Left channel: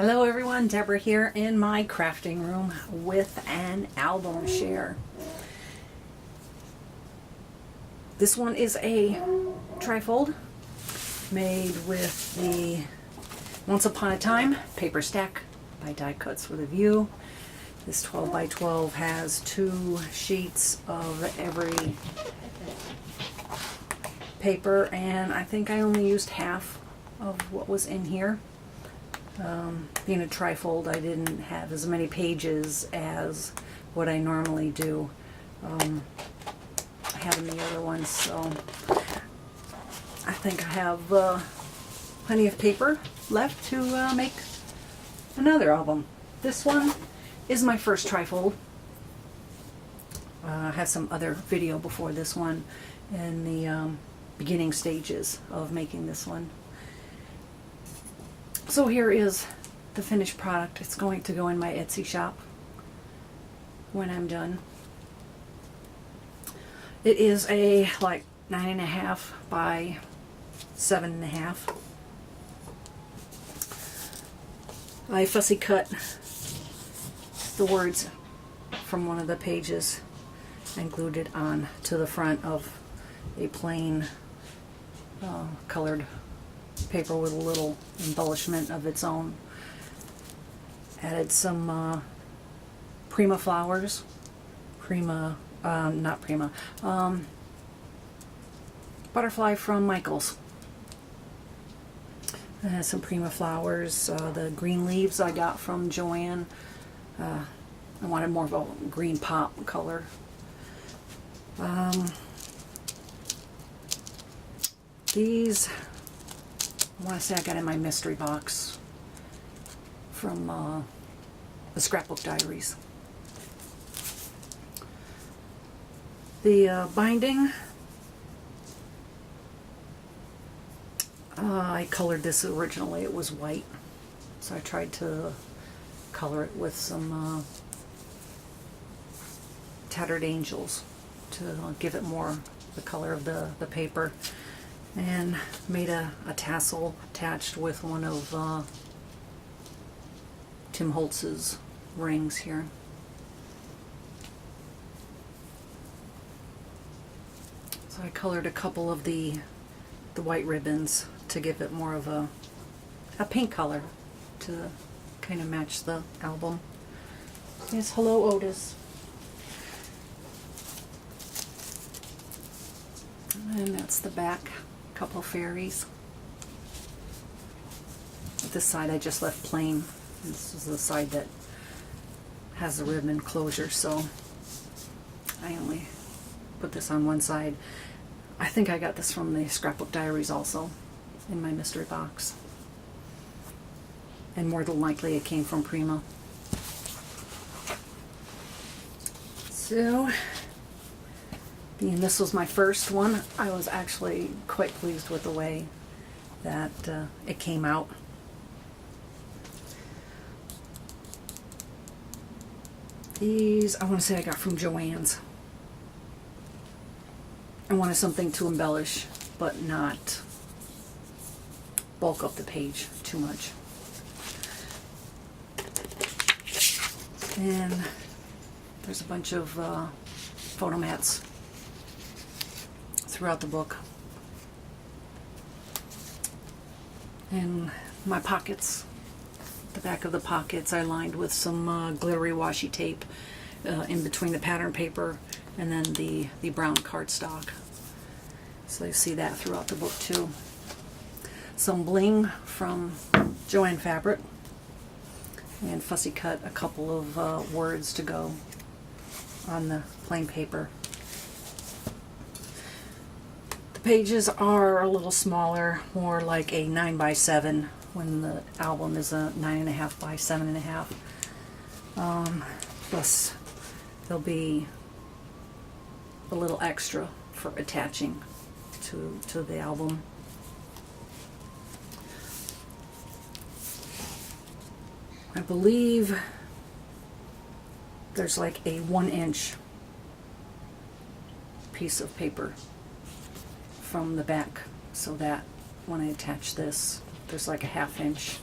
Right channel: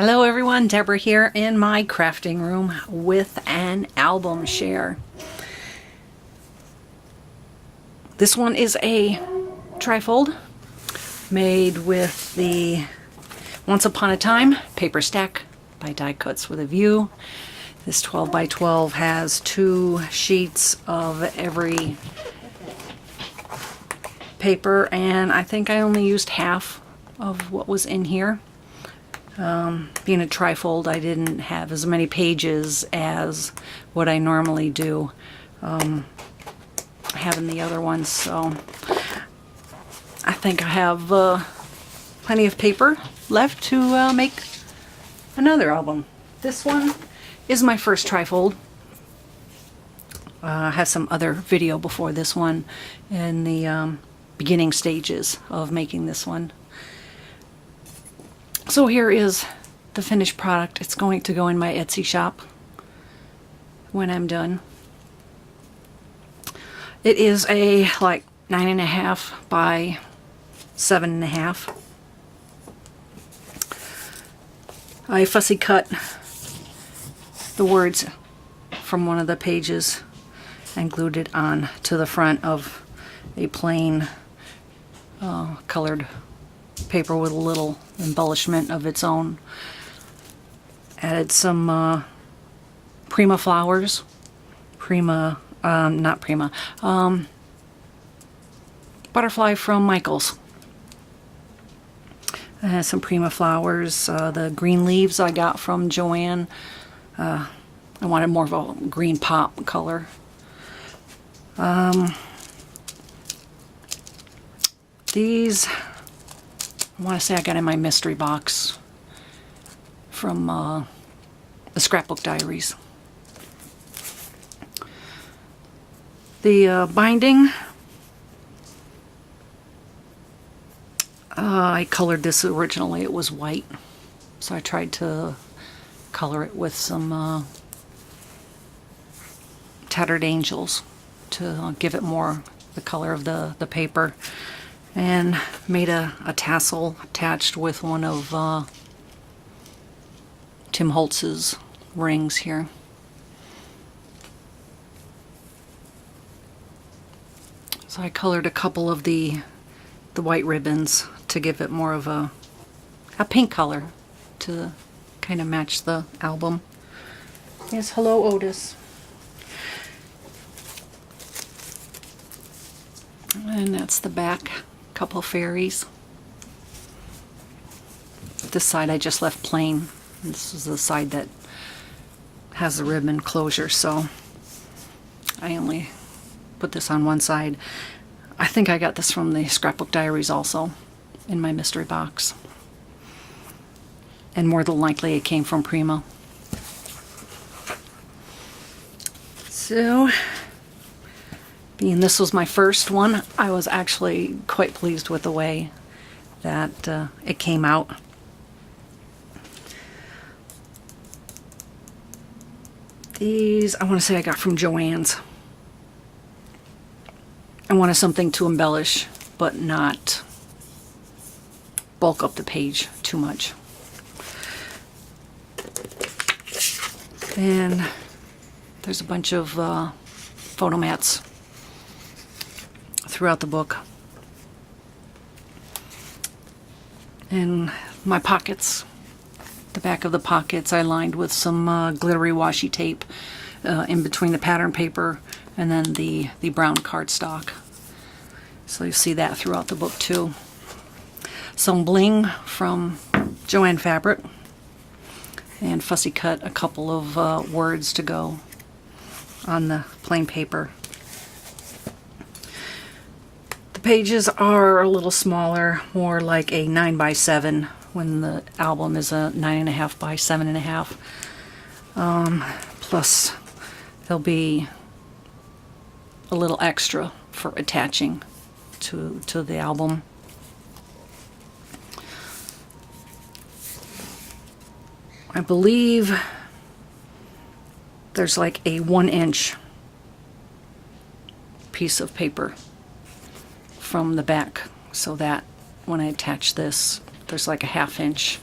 Hello everyone, Deborah here in my crafting room with an album share. This one is a trifold made with the Once Upon a Time paper stack by Die Cuts with a View. This 12 by 12 has 2 sheets of every paper, and I think I only used half of what was in here. Being a trifold, I didn't have as many pages as what I normally do having the other ones, so I think I have plenty of paper left to make another album. This one is my first trifold. I have some other video before this one in the beginning stages of making this one. So here is the finished product. It's going to go in my Etsy shop when I'm done. It is a like 9.5 by 7.5. I fussy cut the words from one of the pages and glued it on to the front of a plain colored paper with a little embellishment of its own. Added some Prima flowers. Butterfly from Michaels. Some Prima flowers. The green leaves I got from JoAnn. I wanted more of a green pop color. These I want to say I got in my mystery box from the Scrapbook diaries. The binding, I colored this originally. It was white, so I tried to color it with some Tattered Angels to give it more the color of the paper. And made a tassel attached with one of Tim Holtz's rings here. So I colored a couple of the white ribbons to give it more of a pink color to kind of match the album. Yes, hello Otis. And that's the back. Couple fairies. This side I just left plain. This is the side that has the ribbon closure, so I only put this on one side. I think I got this from the Scrapbook diaries also in my mystery box, and more than likely it came from Prima. So being this was my first one, I was actually quite pleased with the way that it came out. These, I want to say I got from JoAnn's. I wanted something to embellish, but not bulk up the page too much. And there's a bunch of photo mats throughout the book. And my pockets, the back of the pockets I lined with some glittery washi tape in between the pattern paper and then the brown cardstock. So you see that throughout the book too. Some bling from JoAnn fabric, and fussy cut a couple of words to go on the plain paper. The pages are a little smaller, more like a 9 by 7 when the album is a 9.5 by 7.5. Plus there'll be a little extra for attaching to the album. I believe there's like a 1-inch piece of paper from the back, so that when I attach this, there's like a 1/2 inch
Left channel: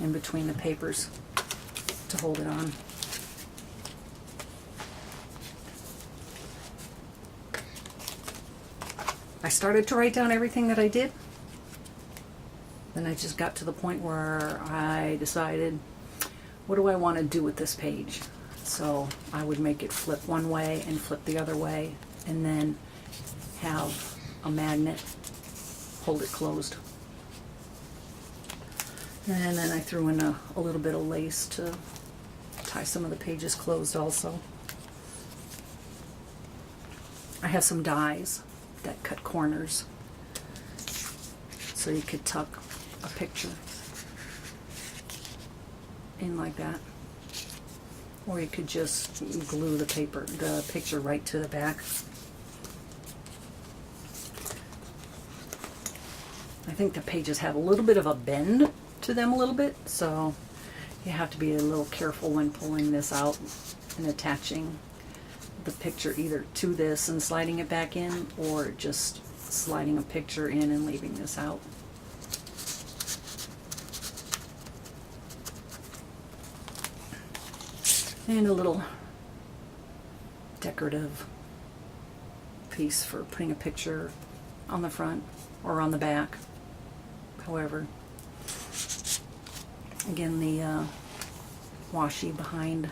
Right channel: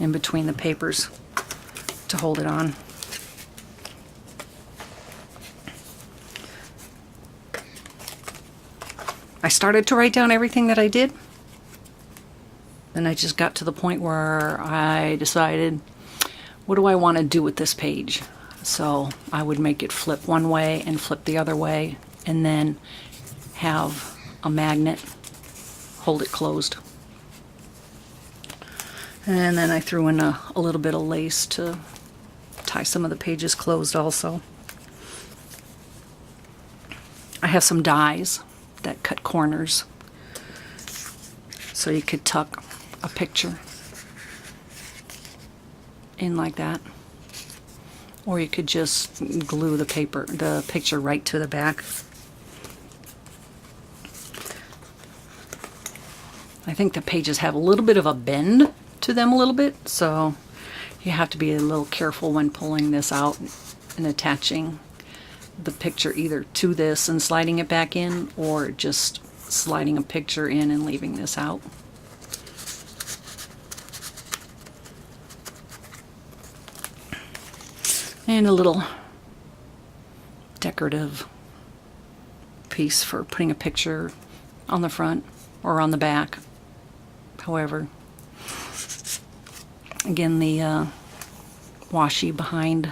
in between the papers to hold it on. I started to write down everything that I did. Then I just got to the point where I decided, what do I want to do with this page? So I would make it flip one way and flip the other way, and then have a magnet hold it closed. And then I threw in a little bit of lace to tie some of the pages closed also. I have some dies that cut corners, so you could tuck a picture in like that, or you could just glue the picture right to the back. I think the pages have a little bit of a bend to them a little bit, so you have to be a little careful when pulling this out and attaching the picture either to this and sliding it back in, or just sliding a picture in and leaving this out. And a little decorative piece for putting a picture on the front or on the back, however. Again, the washi behind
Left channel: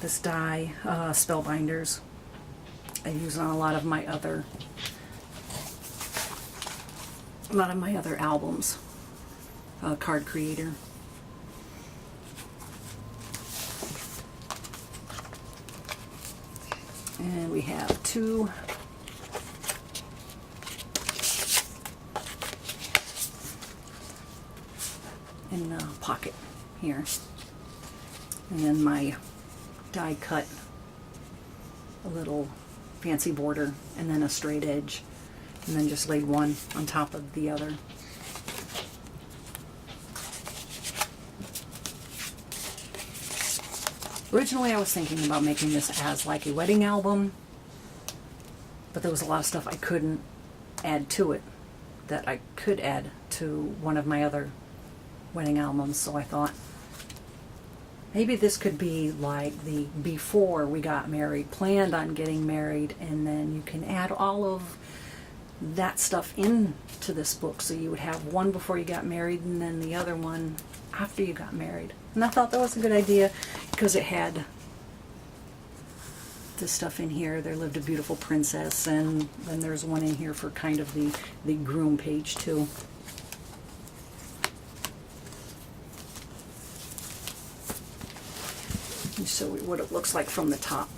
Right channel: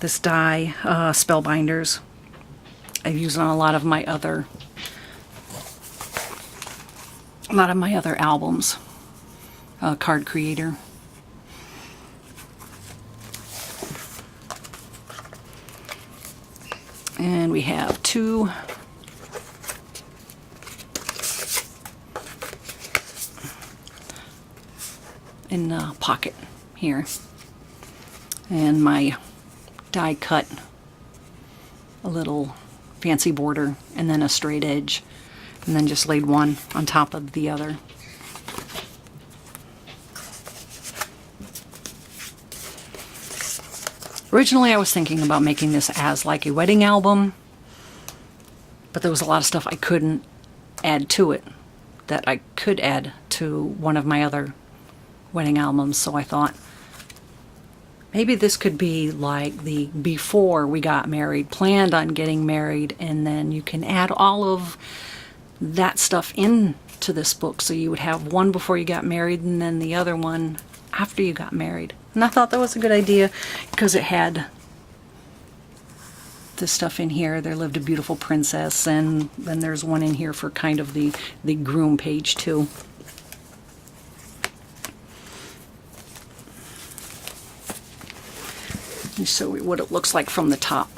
this die, Spellbinders, I've used on a lot of my other albums. Card Creator. And we have two in the pocket here, and my die cut a little fancy border and then a straight edge, and then just laid one on top of the other. Originally I was thinking about making this as like a wedding album, but there was a lot of stuff I couldn't add to it that I could add to one of my other wedding albums, so I thought maybe this could be like the before we got married, planned on getting married, and then you can add all of that stuff into this book, so you would have one before you got married and then the other one after you got married. And I thought that was a good idea because it had this stuff in here. There lived a beautiful princess, and then there's one in here for kind of the groom page too. Let me show you what it looks like from the top,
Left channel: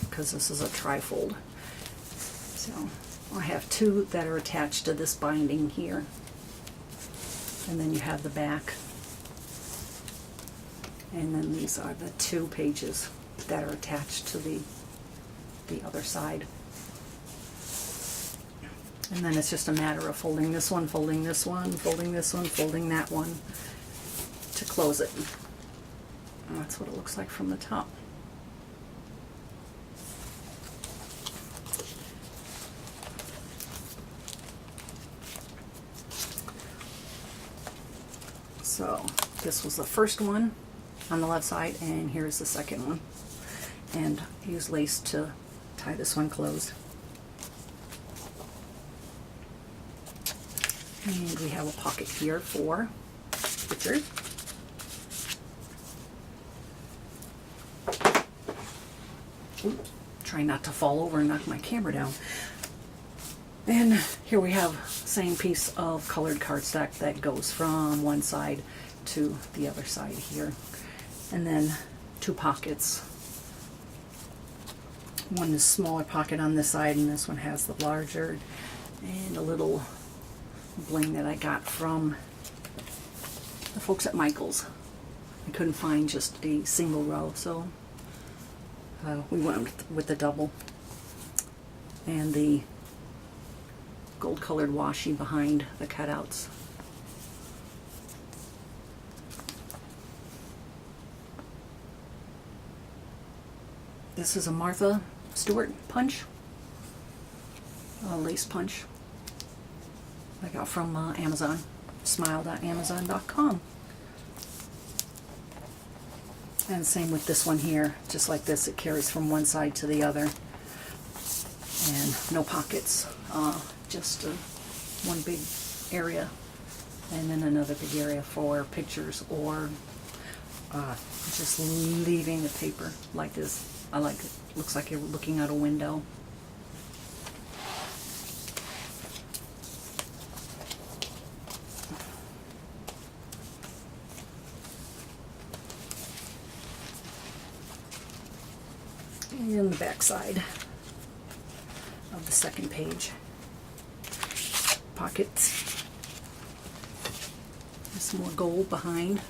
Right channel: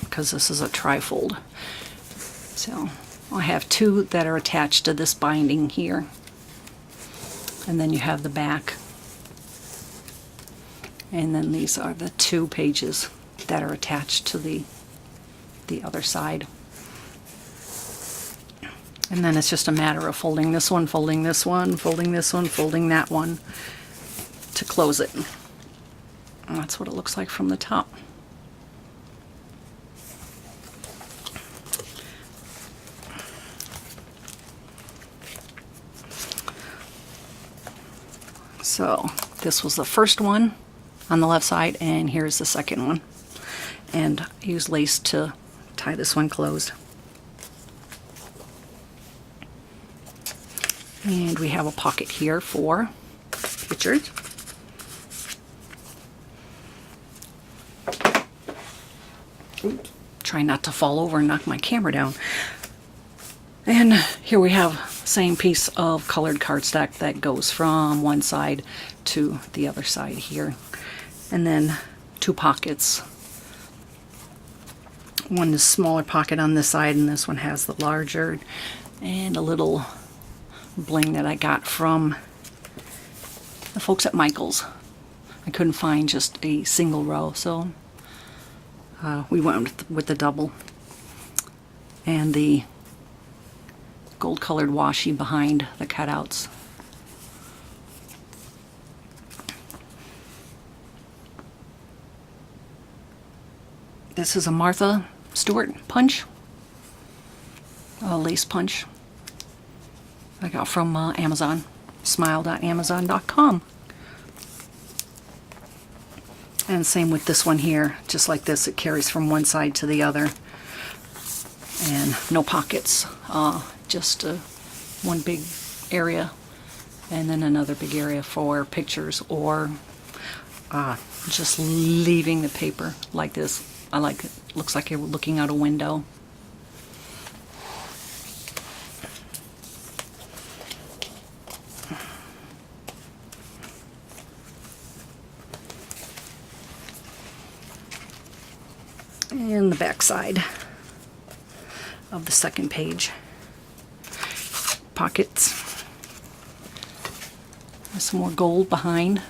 because this is a trifold. So I have two that are attached to this binding here, and then you have the back, and then these are the two pages that are attached to the other side. And then it's just a matter of folding this one, folding this one, folding this one, folding that one to close it. And that's what it looks like from the top. So this was the first one on the left side, and here's the second one. And I use lace to tie this one closed. And we have a pocket here for pictures. Oops, try not to fall over and knock my camera down. And here we have same piece of colored cardstock that goes from one side to the other side here. And then two pockets. One is smaller pocket on this side, and this one has the larger, and a little bling that I got from the folks at Michael's. I couldn't find just a single row, so we went with the double. And the gold colored washi behind the cutouts. This is a Martha Stewart punch, a lace punch I got from Amazon, smile.amazon.com. And same with this one here, just like this, it carries from one side to the other. And no pockets, just one big area and then another big area for pictures or just leaving the paper like this. I like it. Looks like you're looking out a window. And the back side of the second page. Pockets. There's some more gold behind.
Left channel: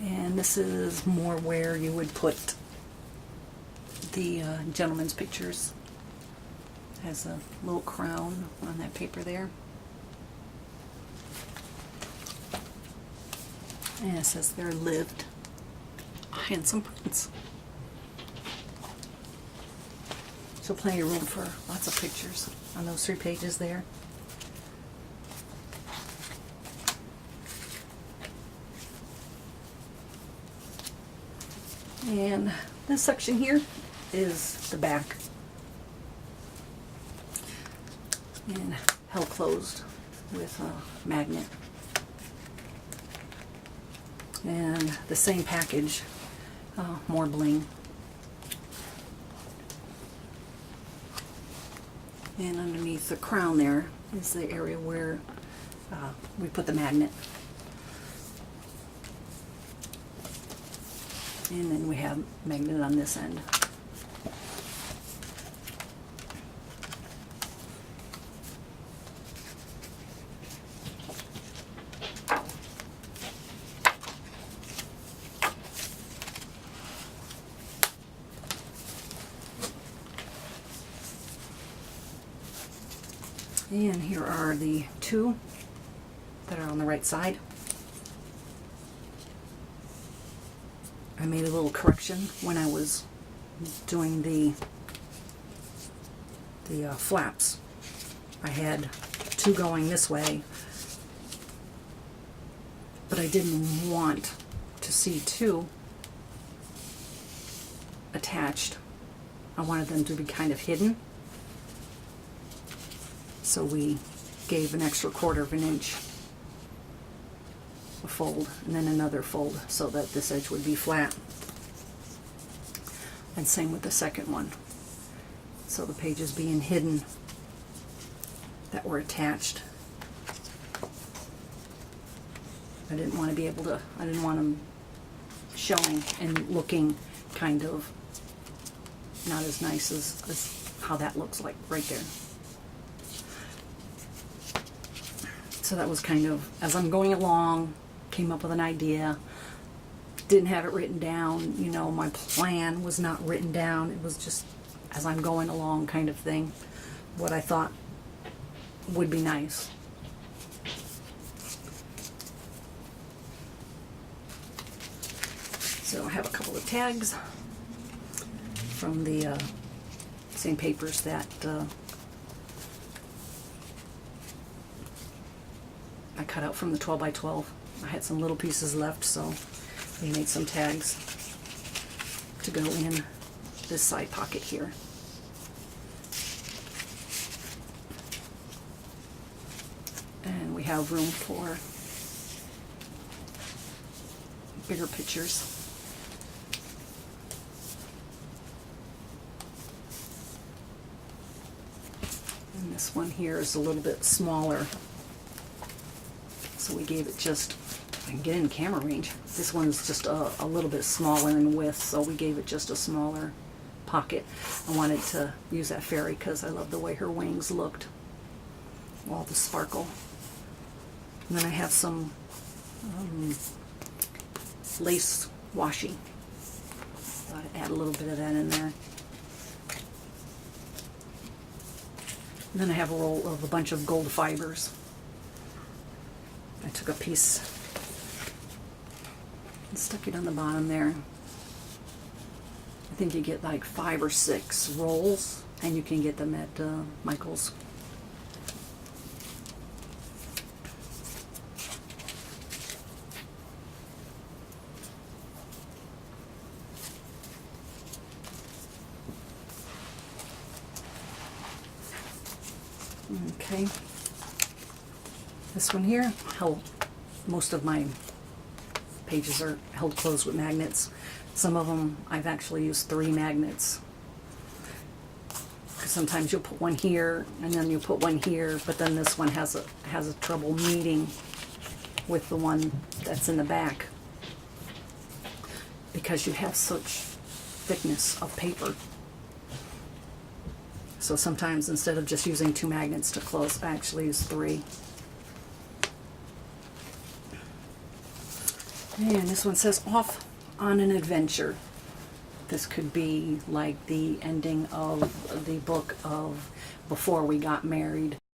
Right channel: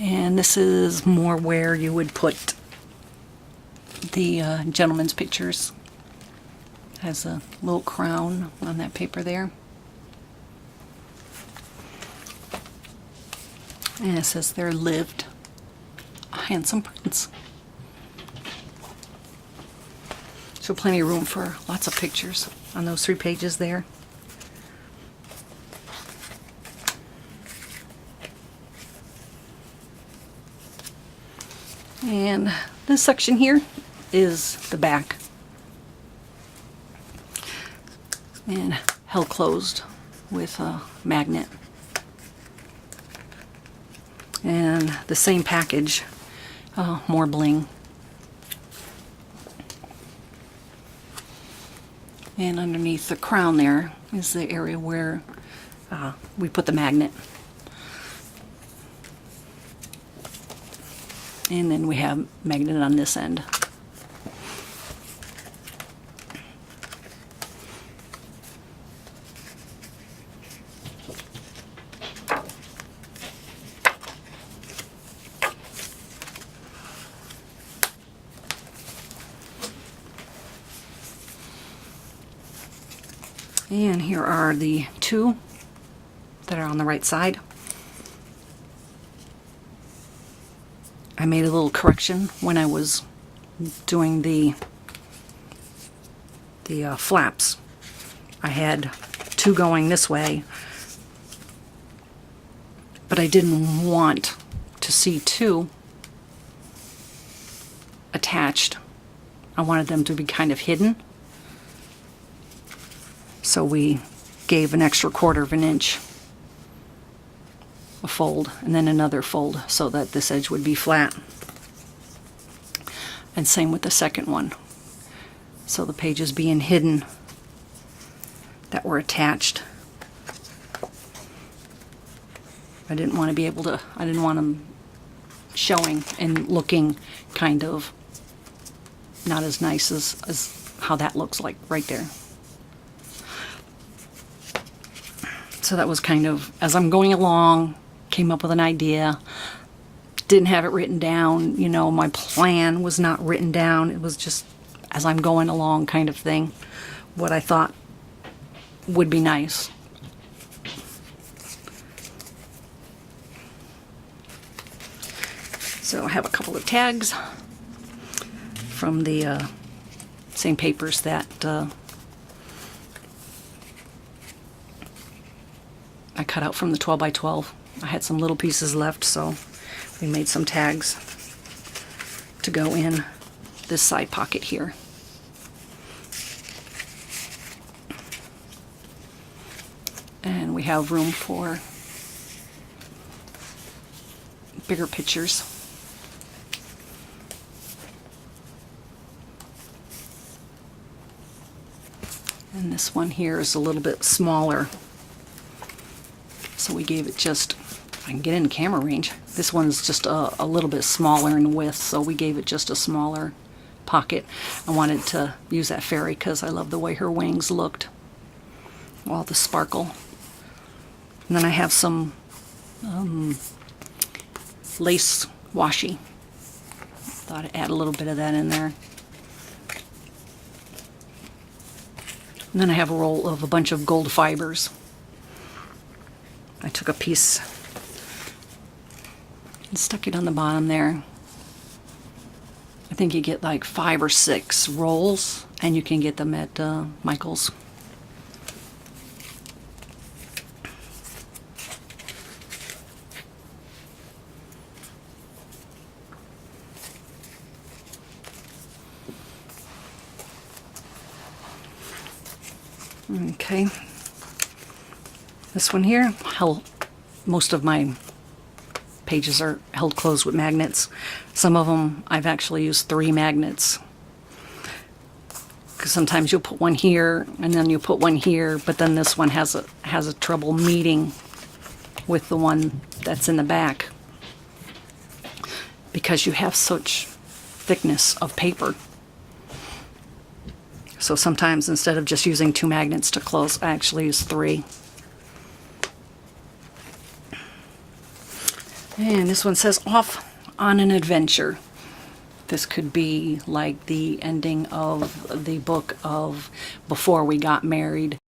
And this is more where you would put the gentleman's pictures. Has a little crown on that paper there. And it says there lived a handsome prince. So plenty of room for lots of pictures on those 3 pages there. And this section here is the back. And held closed with a magnet. And the same package, more bling. And underneath the crown there is the area where we put the magnet. And then we have magnet on this end. And here are the 2 that are on the right side. I made a little correction when I was doing the flaps. I had 2 going this way, but I didn't want to see 2 attached. I wanted them to be kind of hidden. So we gave an extra 1/4 of an inch a fold and then another fold so that this edge would be flat. And same with the second one. So the pages being hidden that were attached. I didn't want to be able to, I didn't want them showing and looking kind of not as nice as how that looks like right there. So that was kind of, as I'm going along, came up with an idea, didn't have it written down, you know, my plan was not written down, it was just as I'm going along kind of thing, what I thought would be nice. So I have a couple of tags from the same papers that I cut out from the 12 by 12. I had some little pieces left, so we made some tags to go in this side pocket here. And we have room for bigger pictures. And this one here is a little bit smaller. So we gave it just, if I can get in camera range, this one's just a little bit smaller in width, so we gave it just a smaller pocket. I wanted to use that fairy because I love the way her wings looked. All the sparkle. And then I have some lace washi. Thought I'd add a little bit of that in there. And then I have a roll of a bunch of gold fibers. I took a piece and stuck it on the bottom there. I think you get like 5 or 6 rolls, and you can get them at Michael's. Okay. This one here, most of my pages are held closed with magnets. Some of them I've actually used 3 magnets. Because sometimes you'll put one here and then you put one here, but then this one has a trouble meeting with the one that's in the back because you have such thickness of paper. So sometimes instead of just using 2 magnets to close, I actually use 3. And this one says off on an adventure. This could be like the ending of the book of Before We Got Married.